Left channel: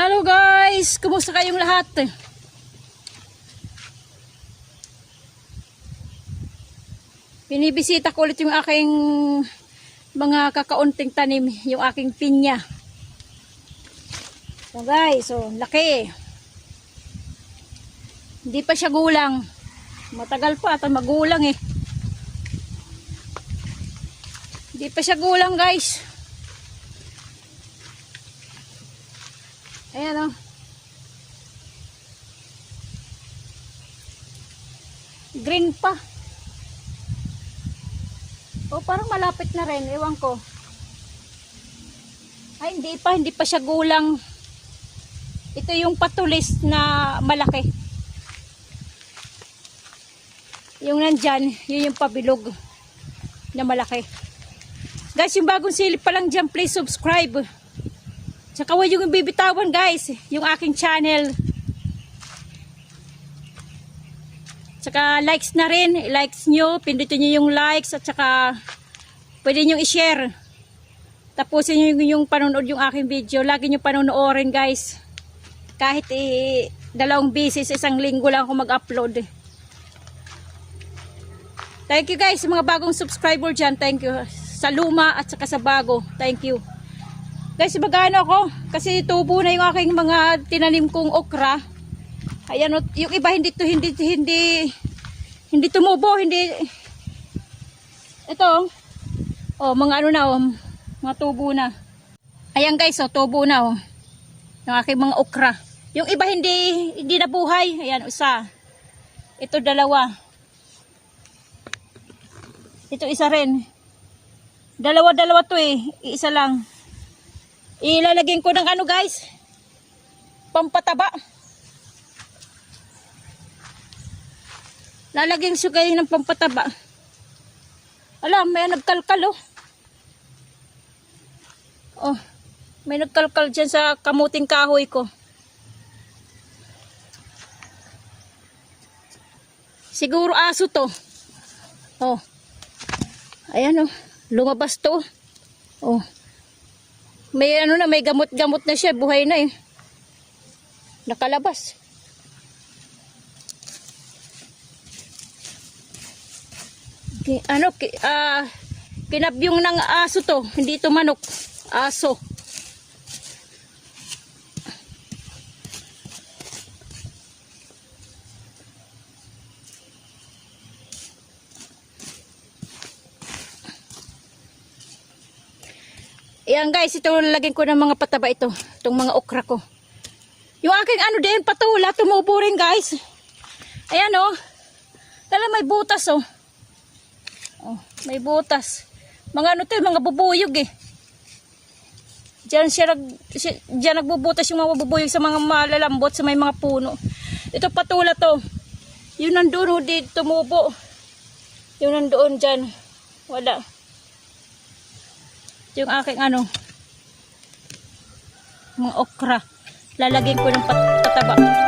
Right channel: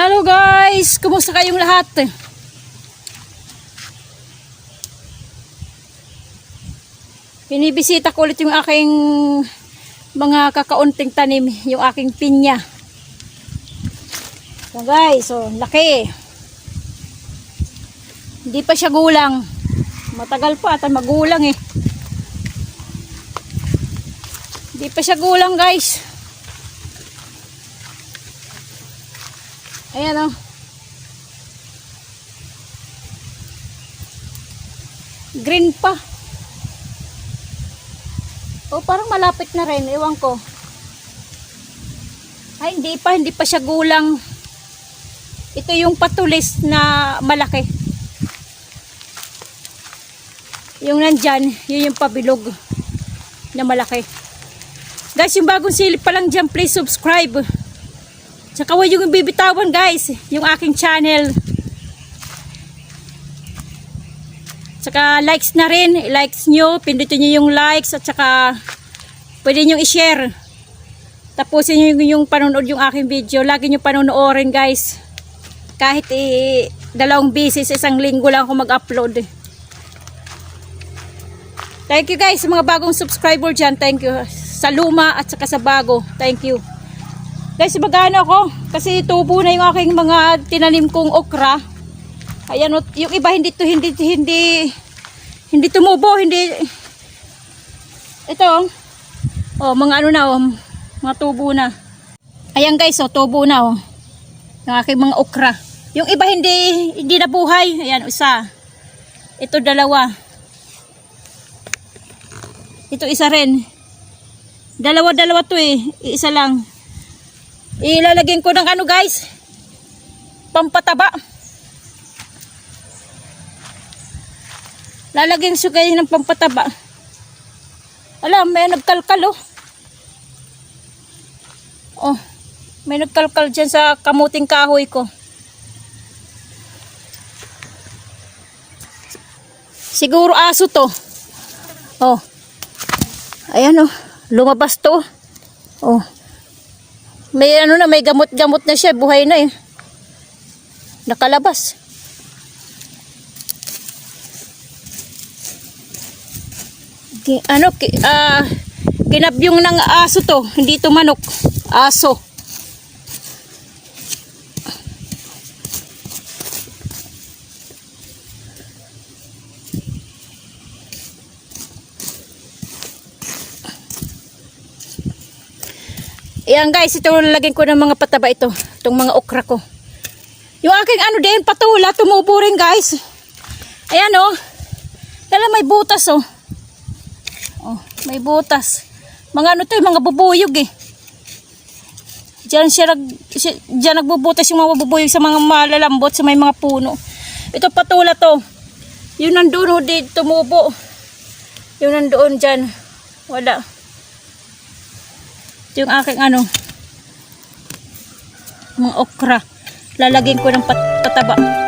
Hello guys! Kumusta kayong lahat? Binibisita ko ulit yung aking mga kakaunting tanim, yung aking pinya. So guys, so laki. Hindi pa siya gulang. Matagal pa at magulang eh. Hindi pa siya gulang guys. Ayan o. Green pa. O parang malapit na rin. Ewan ko. Ay hindi pa. Hindi pa siya gulang. Ito yung patulis na malaki. Yung nandyan, yun yung pabilog na malaki. Guys, yung bagong silip pa lang dyan, please subscribe. Tsaka huwag yung bibitawan guys, yung aking channel. Tsaka likes na rin, likes nyo, pindutin nyo yung likes at tsaka pwede nyo i-share. Tapusin nyo yung, yung panonood yung aking video. Lagi nyo panonoorin guys. Kahit i dalawang beses, isang linggo lang ako mag-upload. Thank you guys sa mga bagong subscriber dyan. Thank you. Sa luma at saka sa bago. Thank you. Guys, magano ako. Kasi tubo na yung aking mga tinanim kong okra. Ayan, yung iba hindi to hindi hindi hindi tumubo, hindi ito oh, mga ano na oh, mga tubo na. Ayan guys, oh, tubo na oh. Yung aking mga okra. Yung iba hindi hindi nabuhay. Ayan, isa. Ito dalawa. Ito isa rin. Dalawa-dalawa to eh. Isa lang. Ilalagyan ko ng ano guys. Pampataba. Lalagyan siya kayo ng pampataba. Alam, may nagkalkal oh. Oh, may nagkalkal dyan sa kamuting kahoy ko. Siguro aso to. Oh. Ayan oh, lumabas to. Oh. May ano na, may gamot-gamot na siya, buhay na eh. Nakalabas. Ki- ano, ki, ah, kinabyong ng aso to, hindi to manok. Aso. Ayan guys, ito lalagyan ko ng mga pataba ito. Itong mga okra ko. Yung aking ano din, patula, tumubo rin guys. Ayan oh. Kala may butas oh. Oh, may butas. Mga ano to, yung mga bubuyog eh. Diyan siya, nag, siya diyan nagbubutas yung mga bubuyog sa mga malalambot sa may mga puno. Ito patula to. Yung nandoon oh, di tumubo. Yung nandoon dyan. Wala. Ito yung aking ano. Mga okra. Lalagyan ko ng pat- pataba.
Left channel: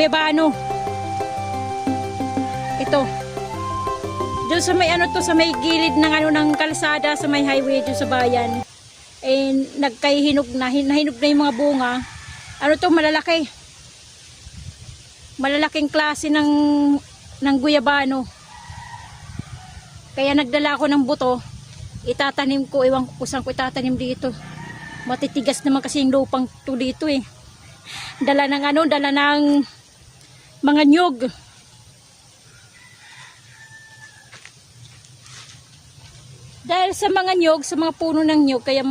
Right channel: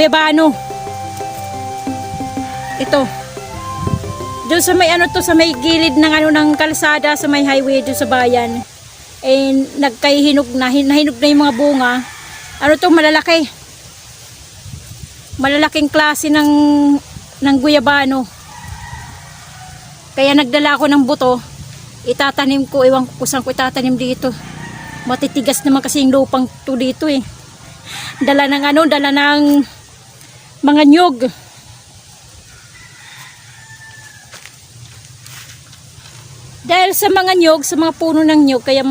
Guyabano. Ito. Doon sa may ano to, sa may gilid ng ano ng kalsada, sa may highway doon sa bayan. Eh, nagkaihinog na, hin- nahinog na yung mga bunga. Ano to, malalaki. Malalaking klase ng, ng guyabano. Kaya nagdala ako ng buto. Itatanim ko, ewan ko saan ko itatanim dito. Matitigas naman kasi yung lupang to dito eh. Dala ng ano, dala ng mga nyog. Dahil sa mga nyog, sa mga puno ng nyog, kaya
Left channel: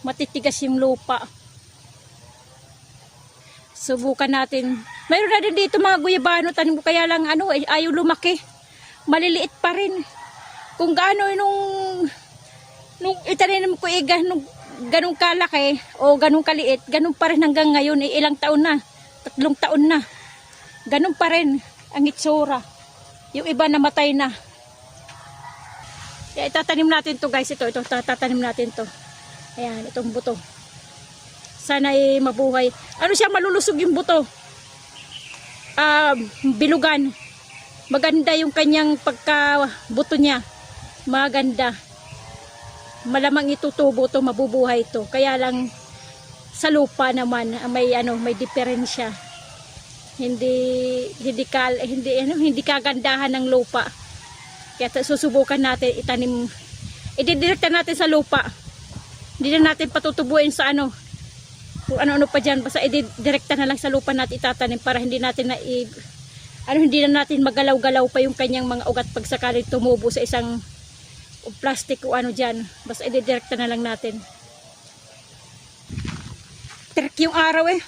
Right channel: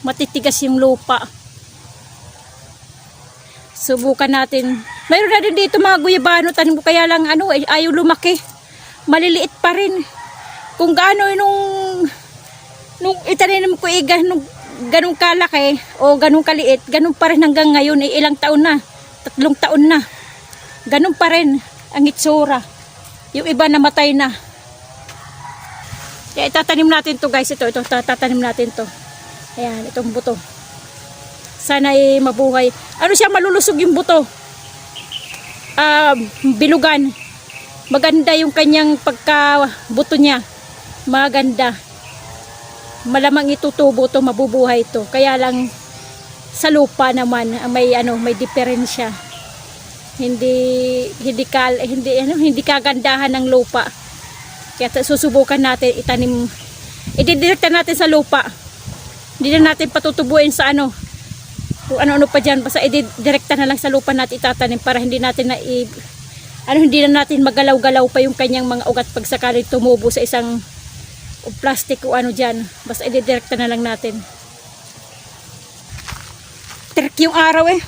matitigas yung lupa. Subukan natin. Mayroon na din dito mga guyabano, tanim ko kaya lang ano, ayaw lumaki. Maliliit pa rin. Kung gaano nung nung itanim ko eh, ganun, ganun kalaki o ganun kaliit, ganun pa rin hanggang ngayon, eh, ilang taon na, tatlong taon na. Ganun pa rin ang itsura. Yung iba namatay na. Kaya itatanim natin to guys, ito, ito, tatanim natin to. Ayan, itong buto. Sana ay mabuhay. Ano siya, malulusog yung buto. Ah, bilugan. Maganda yung kanyang pagka-buto niya. Maganda. Malamang itutubo to, mabubuhay to. Kaya lang sa lupa naman may ano, may diferensya. Hindi hindi kal hindi ano, hindi kagandahan ng lupa. Kaya susubukan natin itanim ididirekta natin sa lupa. Hindi na natin patutubuin sa ano kung ano-ano pa dyan. Basta ididirekta na lang sa lupa natin itatanim para hindi natin na i, ano, hindi na natin magalaw-galaw pa yung kanyang mga ugat pag sakaling tumubo sa isang o plastic o ano dyan. Basta ididirekta na lang natin. Trick yung araw eh.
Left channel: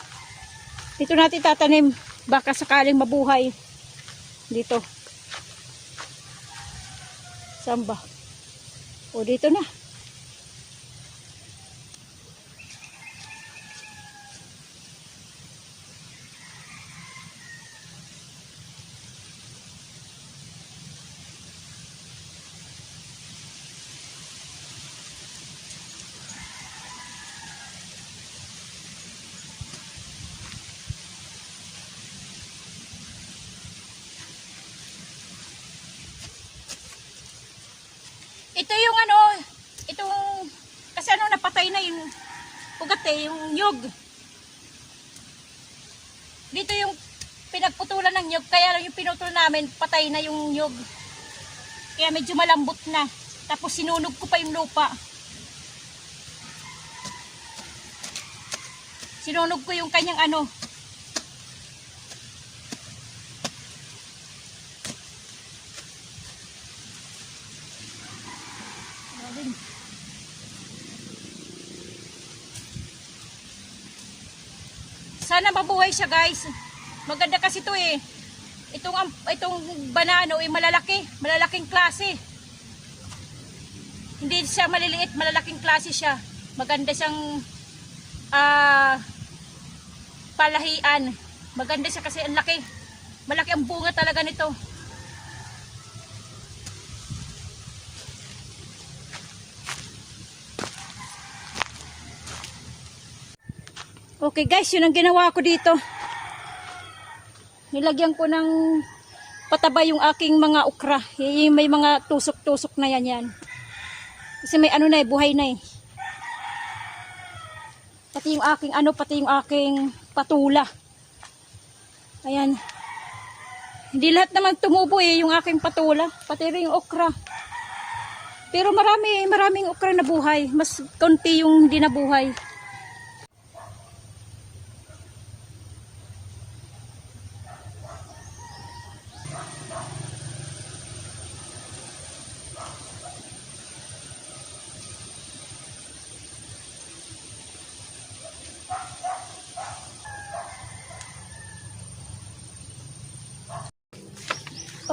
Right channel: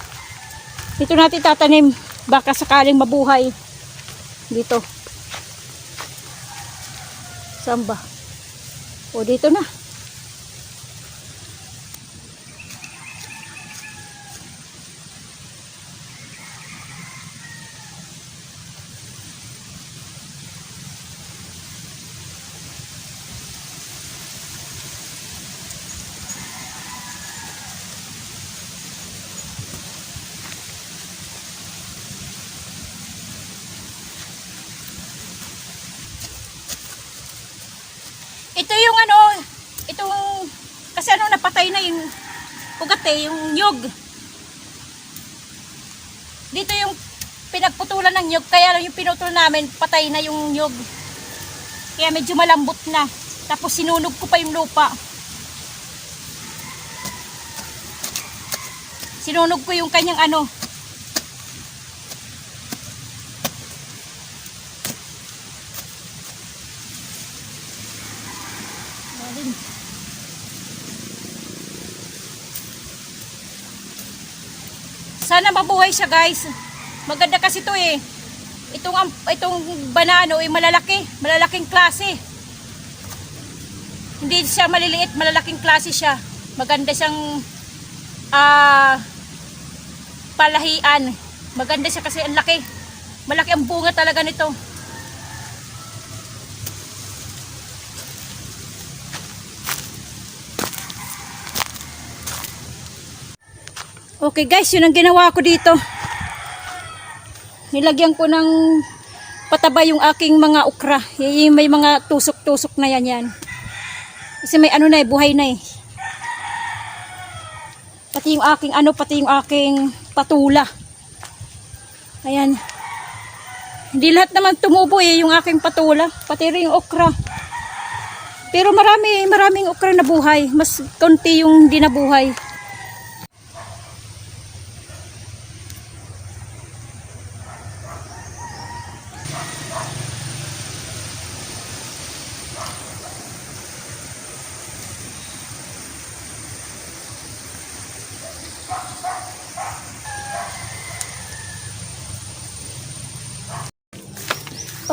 Dito natin tatanim. Baka sakaling mabuhay. Dito. Saan? O dito na. Ito yung ano, itong, kasi napatay na yung ugat yung nyog. Dito yung pinagputulan ng nyog, kaya yung pinutol namin, patay na yung nyog. Kaya medyo malambot na. Tapos sinunog ko pa yung lupa. Sinunog ko yung kanyang ano, Sana mabuhay siya guys. Maganda kasi to eh. Itong, itong banano ay malalaki. Malalaking klase. Hindi siya maliliit. Malalaking klase siya. Maganda siyang ah palahian. Maganda siya kasi ang laki. Malaki ang bunga talaga nito. Okay guys, yun ang ginawa ko dito. Nilagyan ko ng pataba yung aking mga ukra. Y- May mga tusok-tusok na yan yan. Kasi may ano na eh, buhay na eh. Pati yung aking ano, pati yung aking patula. Ayan. Hindi lahat naman tumubo eh, yung aking patula. Pati rin yung okra. Pero marami, maraming okra na buhay. Mas konti yung hindi nabuhay.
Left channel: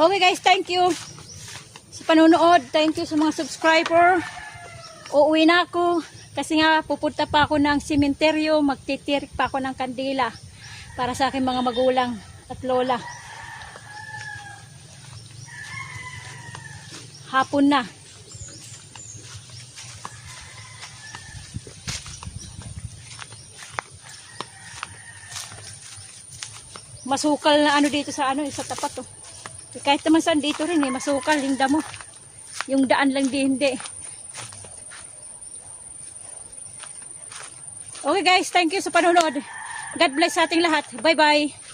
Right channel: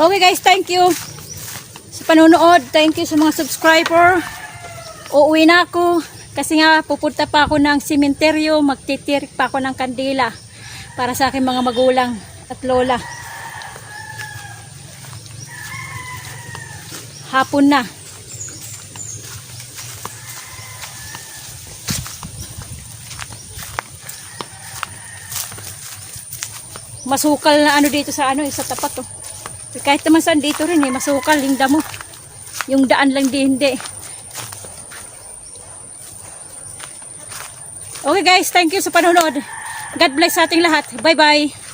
Okay guys, thank you sa panonood. Thank you sa mga subscriber. Uuwi na ako kasi nga pupunta pa ako ng sementeryo, magtitirik pa ako ng kandila para sa aking mga magulang at lola. Hapon na. masukal na ano dito sa ano sa tapat oh. Kahit naman saan dito rin eh, masukal yung damo. Yung daan lang di hindi. Okay guys, thank you sa panonood. God bless sa ating lahat. Bye bye.